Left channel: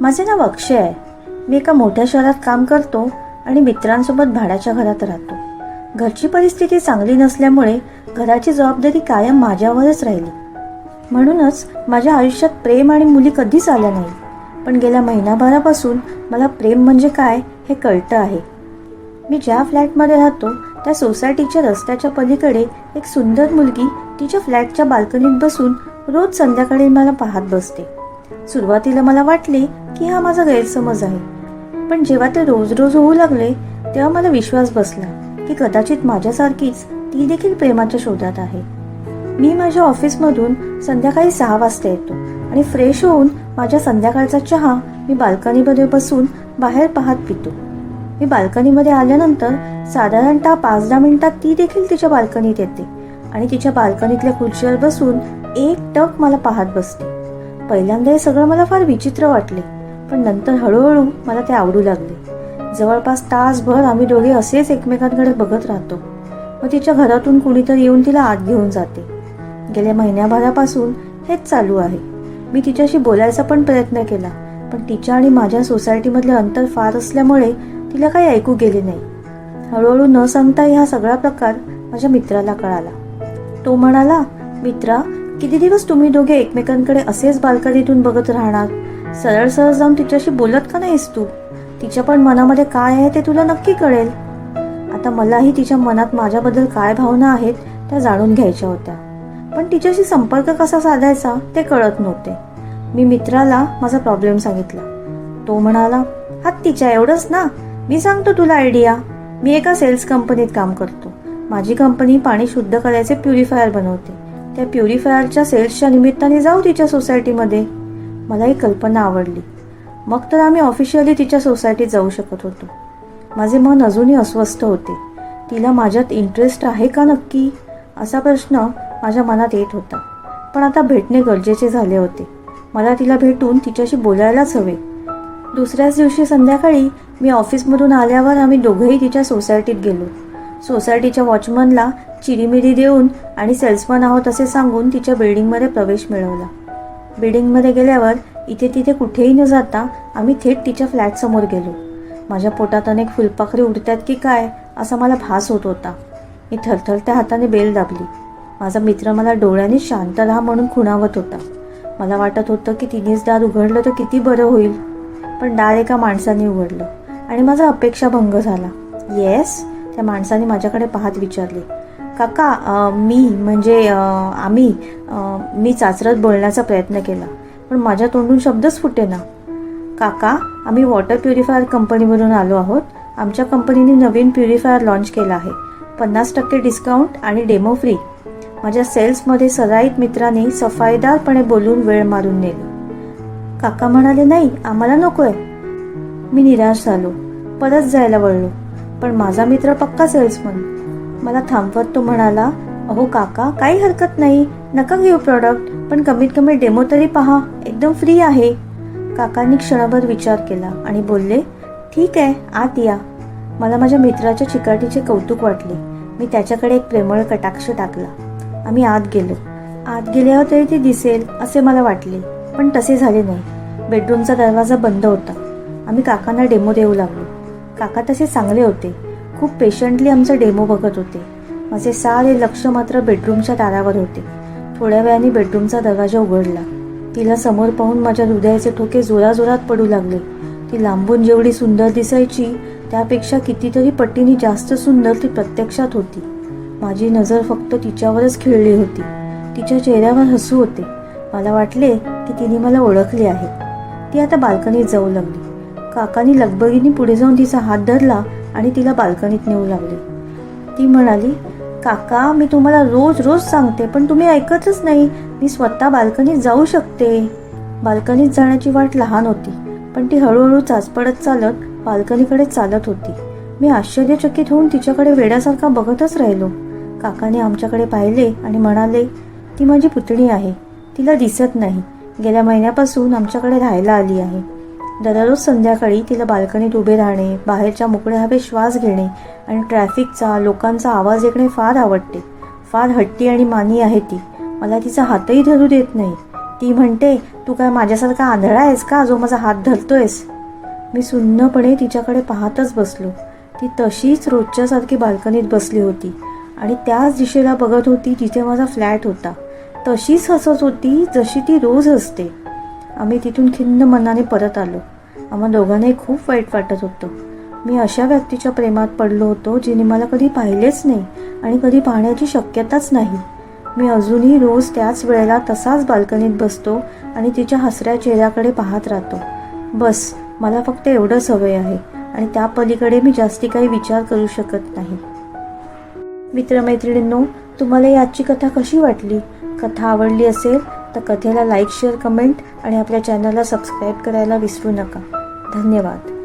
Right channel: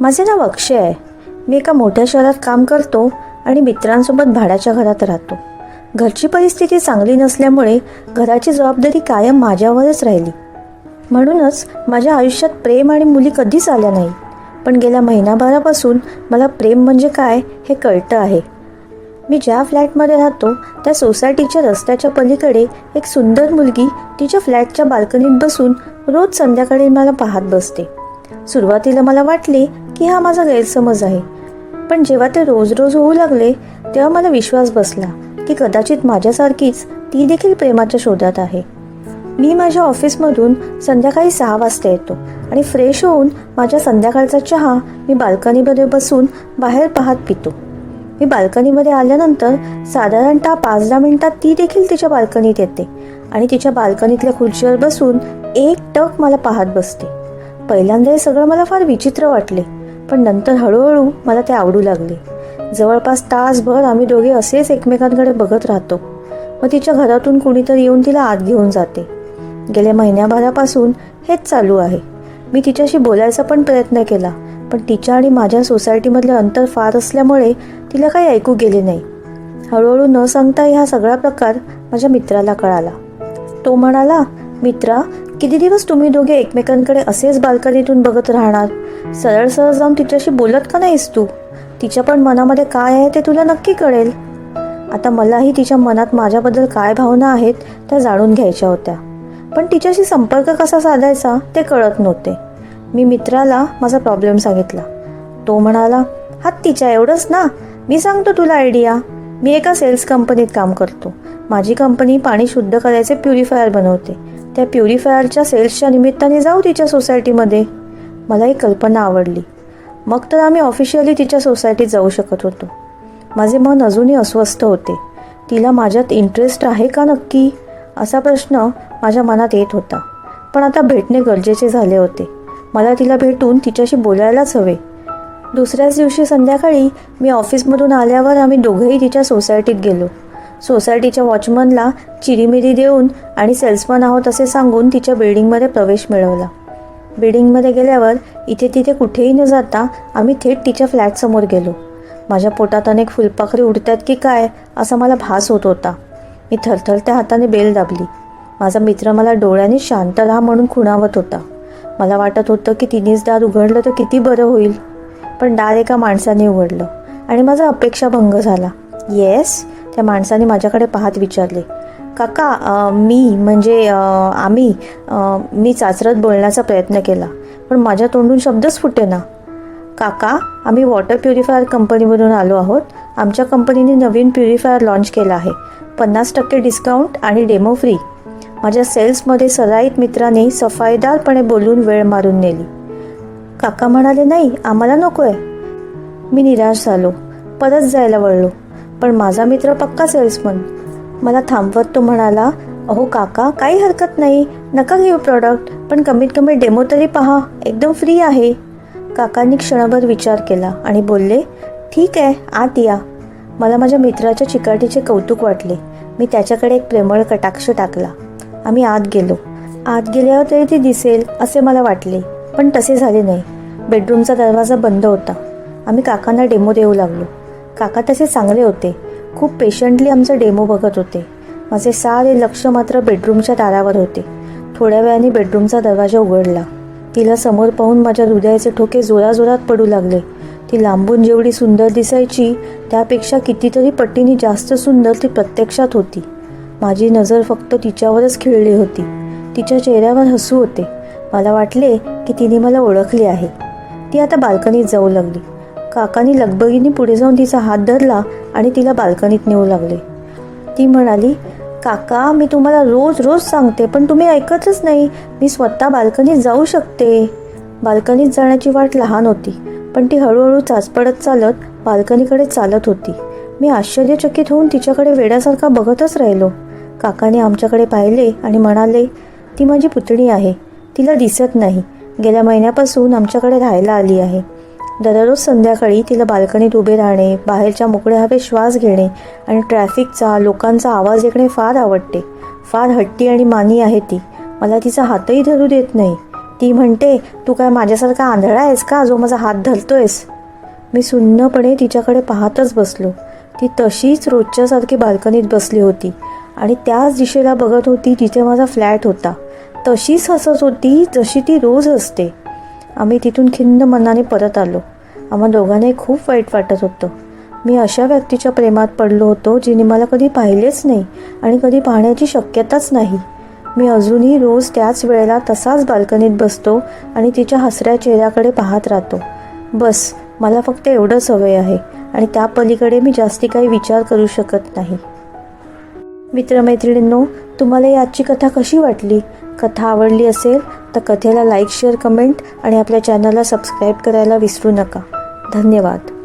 माझे नाव अक्षय आहे. मी एका मोठ्या शहरात काम करतो आणि मित्रांसोबत भाड्याच्या घरात राहतो. घरची परिस्थिती चांगली नसल्यामुळे घराची जबाबदारी कायम माझ्यावरच राहिली. म्हणूनच माझ्या आयुष्यात प्रेम आणि मुली कधीच आल्या नाही. पण गेल्या महिनाभरापासून मला प्रेम म्हणजे काय हे कळतं आहे. मी ज्या फ्लॅटमध्ये राहतो त्या सोसायटीच्या रस्त्याच्या पलीकडे एक सुंदर मुलगी तिच्या फ्लॅटच्या बाल्कनीत बसून रोज संध्याकाळी मला पाहत बसते. सुरुवातीला मला वाटले की हा माझा गैरसमज आहे. पण जेव्हा ते रोज रोज होऊ लागले तेव्हा मला विश्वास बसला की कदाचित माझ्यासारखीच ती देखील प्रेमाच्या शोधात आहे. मी माझ्या ऑफिसमधून संध्याकाळी सहा वाजता येतो आणि फ्रेश होऊन माझ्या संध्याकाळचा चहा मी बाल्कनीमध्ये बसून बाहेर पाहत पितो. मी बाल्कनीमध्ये आल्यानंतर साधारणतः पाच दहा मिनिटात ती देखील तिच्या बाल्कनीत येते आणि तिच्या बाल्कनीतल्या खुर्चीवर बसून एक टक मला पाहत बसते. पहिल्यांदा हे सगळं मला फार विचित्र वाटले पण नंतर हळूहळू मला ते आवडू लागले. जवळपास तासभर आम्ही दोघे असेच एकमेकांकडे बघत राहतो. मग तिच्या घरातून कुणीतरी येऊन तिला आत घेऊन जाते. गेल्या महिन्याभरापासून हेच चालू आहे. मी तिच्याशी बोलायचा पण प्रयत्न केला पण तिच्या आणि माझ्या सोसायटीमधले अंतर फार असल्यामुळे तिला काही ऐकू गेले नाही. हळूहळू न सांगता हा सगळा प्रकार माझ्या मित्राला कळाला. तो म्हणाला मित्रा किती दिवस तुम्ही दोघे एकमेकांकडे असेच बाल्कनीतून बघत राहणार? सरळ सरळ जाऊन तिच्याशी बोलत का नाहीस तू? तिच्या पण मनामध्ये काय आहे ते तुला नक्की कळेल. आता मलाही तिच्या मनात माझ्याबद्दल काय भावना आहेत त्या जाणून घ्यायच्या होत्या. पण तिच्याशी संपर्क कसा साधायचा ते कळत नव्हते. मी मित्राला माझा प्रॉब्लेम सांगितला. तो म्हणाला हा तिच्या एवढंच ना? मी सांगतो तुला आयडिया मी एका सेल्स कंपनीत काम करतो. माझी कंपनी पाणी शुद्ध करायचे प्युरिफायर बनवते. त्या प्युरिफायरच्या सेल्सच्या निमित्ताने जाऊ तिच्या सोसायटीमध्ये. मला ही कल्पना आवडली. मग तर आम्ही ऑफिशियली तिच्या सोसायटीत जाऊ शकत होतो. माझे मन अजूनही अस्वस्थ होते. तिला माझ्यात इंटरेस्ट आहे का नक्की? असा प्रश्न माझ्या मनात येत होता. पण आता भेटणे गरजेचे झाले होते. मला तिला भेटून तिच्याशी बोलायलाच हवे. दुसऱ्याच दिवशी संध्याकाळी मी ऑफिसमधून आल्यावर आम्ही दोघंही तिच्या सोसायटीत गेलो. सोसायटीच्या वॉचमनला चिरीमिरी देऊन आणि सेल्समन आहोत असे सांगून तिच्या बिल्डिंगमध्ये प्रवेश मिळवला. बिल्डिंगमध्ये गेल्यावर इथे तिथे कुठेही न जाता आम्ही थेट तिच्या फ्लॅटसमोर गेलो. माझ्या पोटात अनेक फुलपाखरी उडतात की काय असा मला भास होत होता. मी थरथरत्या हाताने बेल दाबली. माझा मित्र मला डोळ्याने शांत राहा म्हणून खुणावत होता. मला वाटत होतं की तिनेच दार उघडलं तर किती बरं होईल. पण दार एका माणसाने उघडलं आणि माझा अपेक्षाभंग झाला. येस त्या माणसाने माझ्याकडे पाहत विचारले काका मी म्हणजे आम्ही मी चाचरत बोलण्याचा प्रयत्न केला पण माझ्या तोंडून शब्दच फुटे ना. काका आम्ही वॉटर प्युरिफायर कंपनीवरून आलो आहोत. आमच्या कंपनीने नवीन प्युरिफायर लॉन्च केला आहे. पन्नास टक्के डिस्काउंट आणि डेमो फ्री. माझ्या सेल्समध्ये सराईत मित्राने सफाईदारपणे बोलून वेळ मारून नेली. काका म्हणाले नाही आम्हाला नको आहे मी निराश झालो. परत जायला वळलो. पण माझा मित्र पक्का सेल्समन. मला थांबवत तो म्हणाला अहो काका काही हरकत नाही. नका घेऊ प्रॉडक्ट पण कमीत कमी डेमो तरी पहा. एकदम फ्री आहे. काकांनी क्षणभर विचार केला आणि बोलले ठीक आहे आत या. मला माझ्या मित्राच्या चिकाटीचे कौतुक वाटले. मी त्याच्याकडे एक प्रेमळ कटाक्ष टाकला. आम्ही आत गेलो. आत गेल्यावर तरी ती दिसेल असे मला वाटले. पण तसे झाले नाही. बेडरूमचा दरवाजा बंद होता. आम्ही काकांना डेमो देऊ लागलो. काका तसे चांगले होते. खूप पेशंटली आमचा डेमो बघत होते. माझे सारे लक्ष मात्र बेडरूमच्या दारावर होते. थोड्या वेळाने बेडरूमचा दरवाजा उघडला. तिला समोर पाहून माझ्या हृदयाचे ठोके जोराजोरात पडू लागले. ती लांबून जेवढी सुंदर दिसायची त्यापेक्षा कितीतरी पट्टीने जास्त सुंदर ती प्रत्यक्षात होती. माझी नजर फक्त तिच्यावरच खिळली होती. तिच्या चेहऱ्यावर हसू होते. मला वाटले की तिने मला ओळखले आहे. ती आता बाल्कनीत जाऊ लागली. काकानी लगबगीने पुढे जाऊन तिचा हात धरला आणि तिला बाल्कनीत नेऊ लागले ती म्हणाली काका मी तुम्हाला रोज रोज सांगते पण तुम्ही ऐकतच नाही. मी स्वतः बाल्कनीत जाऊ शकते. बाल्कनीत जाण्याची वाट लहान होती पण ती हळूहळू चाचपडत चालत बाल्कनीकडे चालत होती. मी आश्चर्यचकित होऊन तिच्याकडे वेड्यासारखा बघतच राहिलो. काकाने आमच्याकडे पाहिले आणि म्हणाले ती माझी पुतणी आहे. तिला दिसत नाही. गेल्या महिन्यापासून आमच्याकडे राहायला आली आहे. दररोज संध्याकाळी तिला बाल्कनीत उभे राहणे बाहेरच्या मोकळ्या हवेत श्वास घेणे आणि ट्रॅफिकचा लोकांचा आवाज ऐकणे फार आवडते. फार हट्टी आणि मानी आहे ती. मला तिचा हातही धरू देत नाही. ती म्हणते तू काय माझ्यासारखा आंधळा आहेस का? जो माझा हात धरतोयस? मी सुन्नपणे तिच्याकडे पाहतच बसलो. ती तशीच रोजच्यासारखी बाल्कनीत बसली होती आणि त्याच दिशेला बघत होती जिथे माझा फ्लॅट होता. तशीच हसत होती जशी ती रोज असते आम्ही तिथून खिन्न मनाने परत आलो. आम्हा दोघांनाही खूप वाईट वाटत होतं. मी अशा व्यक्तीच्या प्रेमात पडलो होतो जिने मला कधी पाहिलेच नाही आणि कधी पाहण्याची शक्यताच नाही. मी अजूनही रोज त्याच वेळेला तसाच बाल्कनीत बसतो आणि तिच्या हसऱ्या चेहऱ्याकडे पाहत राहतो. बस मला फक्त एवढंच हवं आहे आणि त्या पलीकडे मी जास्ती काही विचार करू शकत नाही. मित्रमैत्रिणींनो तुम्हाला याची कथा कशी वाटली? कथा आवडली असेल तर कथेला लाईक शेअर कमेंट आणि आपल्या चॅनलला सबस्क्राईब करायला विसरू नका. धन्यवाद.